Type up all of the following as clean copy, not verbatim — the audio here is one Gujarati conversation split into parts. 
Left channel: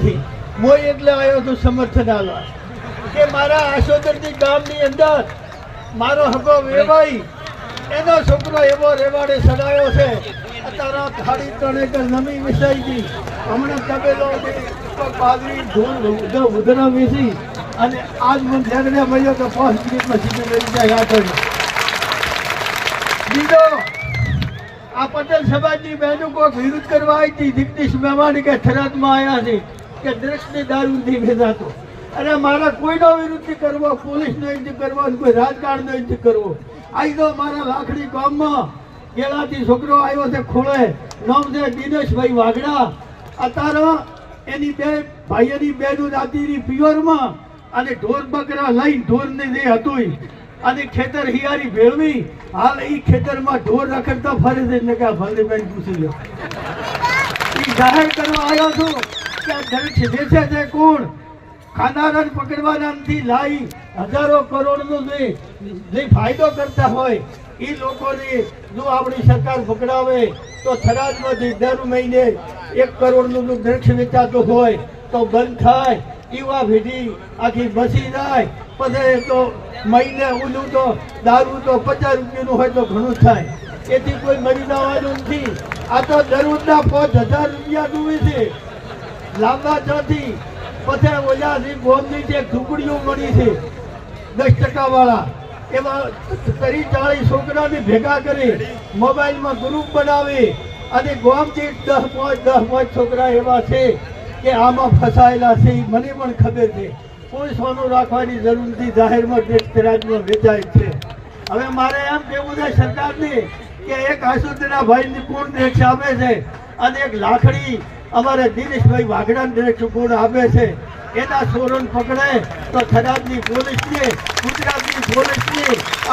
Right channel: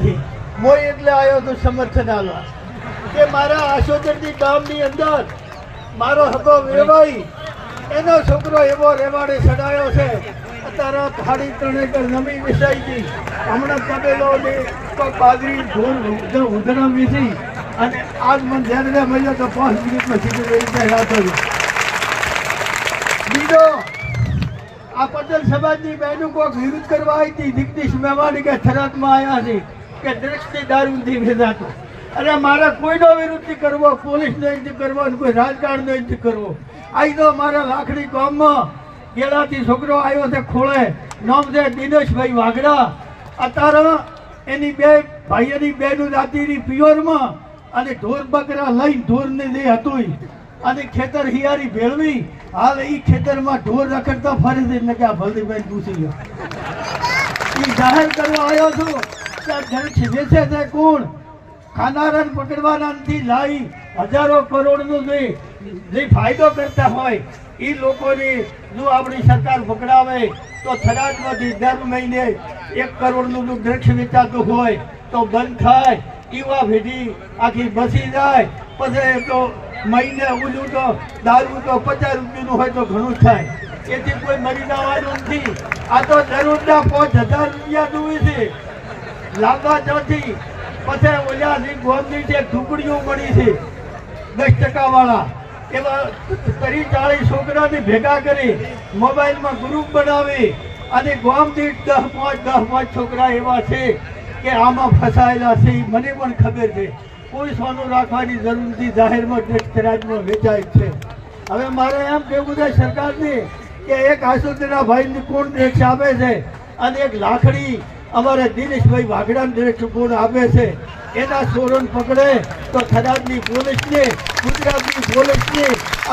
ગામથી મોય એટલે આવ્યો તો સમર્થન આલવા કે મારા આશોદરજી ગામની અંદર મારો હકો વેવાઈ એનો છોકરો એવો રેવાડે ચડાયો છે અત્યારે થાળી 3 એકર જમીન વિસાઈ ગઈ હમણાં તબેલો પાઘડી ઢોલ ઉધણો વેચી અને આજ મને ધ્યાન મળ્યો તો 5 મિનિટમાં સીધું રહી જાય રાખો બીજો આ પટેલ સમાજની બહેનો કોઈક વિરોધ કરવા આવી હતી જગદીશ મહેમાન કે થરાદમાં આવ્યા છે કે દ્રષ્ટિ દારૂથી વેચાતો અને મારા કોઈનો વિરોધ નથી કરવો પોલીસનો નથી કરવો અને કોઈ રાજકારણનો નથી કરવો આઈ તો મારા લાખડી ગામમાં ગેલાથી છોકરો આવ્યો છે ખોળે નામ છે દિનેશભાઈ વાઘડા અત્યારે એની બે ભાઈઓની બેનું રાતીની પિયોરમાં અને ઢોર બકરા લઈને ઢોરની જે હતું અને ખેતર હિયારી ભેળવી હાલ એ ખેતરમાં ઢોર રખડતા ફરે છે ને કે આ ભલદેવભાઈ પૂછી લો એ જાહેર કરવા આવ્યો છું કે આ દરેક વેચે છે કોણ ખાનારાને પકડવાના નથી લાઈ હજારો કરોડનો જે ફાયદો કરતા હોય એ લોકોની જો આપણી સરકાર પકડાવે તો થરાદમાંથી દર મહિને 1 કરોડનું દ્રક્ષ વેચાતું હોય તો બંધ થાય એવા ભેટી આખી બસી જાય પછી તો મહિને ઓલું તો દારૂ તો 50 રૂપિયાનું હોય તો ઘણું થાય એથી કોઈ મરી જવાનું નથી આ તો જરૂરના 5000 રૂપિયા જોવે છે લાંબા ચોથી પછી ઓલા ગોમની જે ઢુકડીઓ મળી છે 10% વાળા એવા 30-40 છોકરાને ભેગા કરી મોબાઈલમાં ગ્રુપ બનાવી અને ગોમથી 10-5 છોકરા એવા છે કે આમાં ફસાયેલા છે મને પણ ખબર છે કોઈ સોનું રાખવાની જરૂર નથી જાહેરમાં દ્રષ્ટિરાજમાં વેચાય છે હવે મારે એમ કહેવું છે સરકારને કે એક આસુદના ભાઈને કોણ દ્રક્ષ આપે છે અને એક લાખડી અમારા દિનેશભાઈ વાઘડાને દ્રક્ષ કોણ આપે છે એના ચોરોને પકડે તો થરાદની પોલીસને ગુજરાતની પોલીસને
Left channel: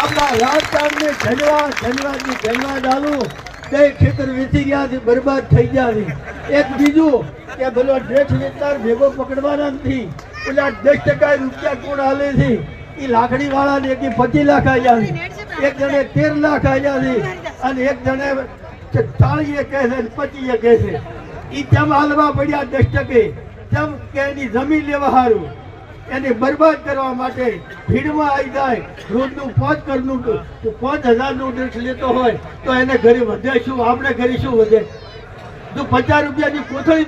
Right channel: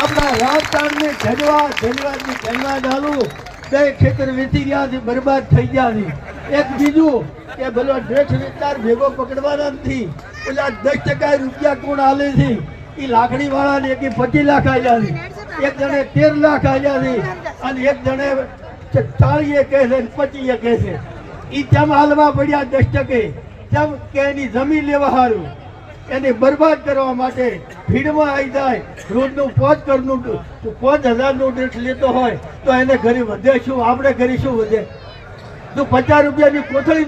આપણા રાજકારણને ધન્યવાદ આલું તે ખેતર વેચી ગયા છે બરબાદ થઈ ગયા છે એક બીજું કે ભલો દ્રક્ષ વિસ્તાર ભેગો પકડવાના નથી પેલા 10% રૂપિયા કોણ હાલે છે એ લાકડી વાળાને એક 25 લાખ આવ્યા છે એક જણે 13 લાખ આવ્યા છે અને એક જણે 40 કહે છે 25 કહે છે એ તેમ હાલવા પડ્યા 10% જેમ કે એની જમીન લેવા સારું એને બરબાદ કરવા માટે ભીડમાં આવી જાય રોજનું 5,000નું દ્રક્ષ લેતો હોય તો એને ઘરે વધે શું આપણે ઘરે શું વધે જો 50 રૂપિયાની કોથળી